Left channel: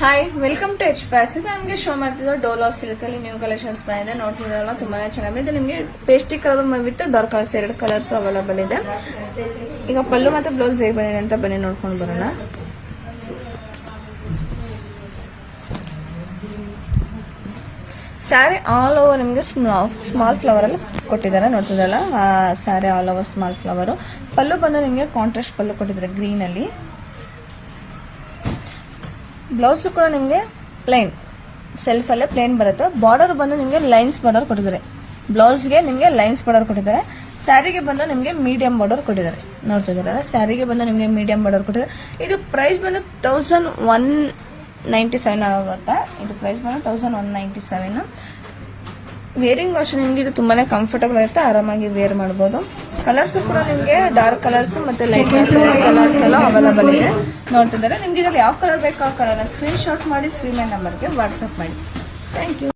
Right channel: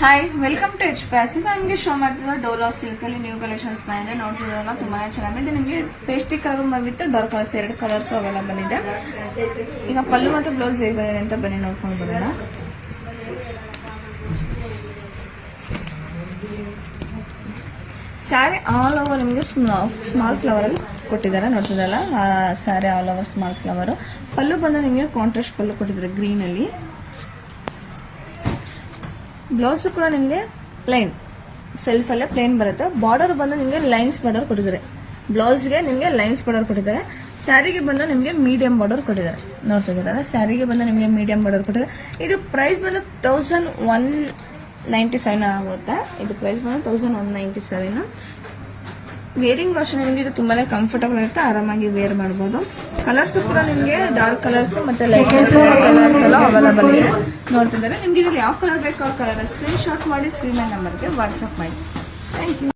Hi, welcome to H passion. ನಿಮಗೆ show ಮಾಡ್ತಿದ್ದೆ ಡೋಲೋ ಸಿಲ್ಕ್ ಅಲ್ಲಿ ನ್ಯೂ ಕಲೆಕ್ಷನ್ಸ್ ಬಂದಿದೆ. ನೋಡ್ತಿರೋಲ್ಲ, ತುಂಬಾನೇ ಚೆನ್ನಾಗಿದೆ. ನಿಮಗೆ ಪೇಸ್ಟಿ ಕಲರ್ ವಿತ್ ಡಾರ್ಕ್ ಕಲರ್ಸ್ ಎರಡು ಕಲರ್ಸ್ ಅವೈಲೇಬಲ್ ಇದೆ. ಈಗ ಪಲ್ಲು ಮತ್ತು ಬ್ಲೌಸ್ ಹೇಗೆ ಬಂದಿದೆ ಅಂತ ಬನ್ನಿ ನೋಡ್ಕೊಂಡು ಬರೋಣ. ಸ್ಯಾರಿ ಆಲ್ ಓವರ್ ನಿಮಗೆ ಸ್ಮಾಲ್ ಫ್ಲವರ್ ಅಲ್ಲಿ ಕೊಟ್ಟಿದ್ದಾರೆ. ನೋಡ್ತಿದ್ದಲ್ಲ, sari all over small flower. Pallu ಬಂದು ನಿಮಗೆ ಕಾಂಟ್ರಾಸ್ಟ್ ಪಲ್ಲು ಕೊಟ್ಟಿದ್ದಾರೆ ಗ್ರೀನ್ ಅಲ್ಲಿ. ಬ್ಲೌಸ್ ಕೂಡ ನಿಮಗೆ ಪ್ಲೇನ್ ಸೆಲ್ಫ್ ಅಲ್ಲೇ ಪ್ಲೇನ್ ಬರುತ್ತೆ. ಬಾರ್ಡರ್ ಬಂದು ನಿಮಗೆ ಲೈನ್ಸ್ ಬಾರ್ಡರ್ ಕೊಟ್ಟಿದ್ದಾರೆ. ಬ್ಲೌಸ್ಗೆ ನಿಮಗೆ ಲೈನ್ಸ್ ಬಾರ್ಡರ್ ಕೊಟ್ಟಿದ್ದಾರೆ. ಸ್ಯಾರಿಗೆ ಬಂದು ನಿಮಗೆ ಮೀಡಿಯಂ ಬಾರ್ಡರ್ ಕೊಟ್ಟಿದ್ದಾರೆ. ನೋಡ್ತಿದ್ದೀರಲ್ಲ, ಸ್ಯಾರಿಗೆ ಬಂದು ನಿಮಗೆ ಮೀಡಿಯಂ ಬಾರ್ಡರ್ ಕೊಟ್ಟಿದ್ದಾರೆ. ಇದು ಪ್ರೈಸ್ ಬಂದು 1197 ಆಗುತ್ತಾ. ಇದು ಪ್ರೈಸ್ ಬಂದು 1197. ವೇರಿಂಗ್ ಅಷ್ಟು ನಿಮಗೆ ಇದು ತುಂಬಾನೇ ಕಂಫರ್ಟಬಲ್ ಆಗುತ್ತೆ, ಆರಾಮಾಗಿ ವೇರ್ ಮಾಡಬಹುದು. ಕಲರ್ಸ್ ಕೂಡ ನಿಮಗೆ ಡಾರ್ಕ್ ಕಲರ್ಸ್ ಮತ್ತೆ ಲೈಟ್ ಕಲರ್ಸ್ ಎಲ್ಲ ಅವೈಲೇಬಲ್ ಇದೆ. ನೋಡ್ತಿದ್ದಾರೆ, ನಿಮ್ಗೆ ಇದ್ರಲ್ಲಿ ಯಾವ ಕಲರ್ ಬೇಕೋ ಆ ಕಲರ್ ಸ್ಕ್ರೀನ್ ಶಾಟ್ ಮಾಡಿ ಸ್ಕ್ರೀನ್ ನಂಬರ್ಗೆ ವಾಟ್ಸ್ಆಪ್ ಮಾಡಿ. Thank you.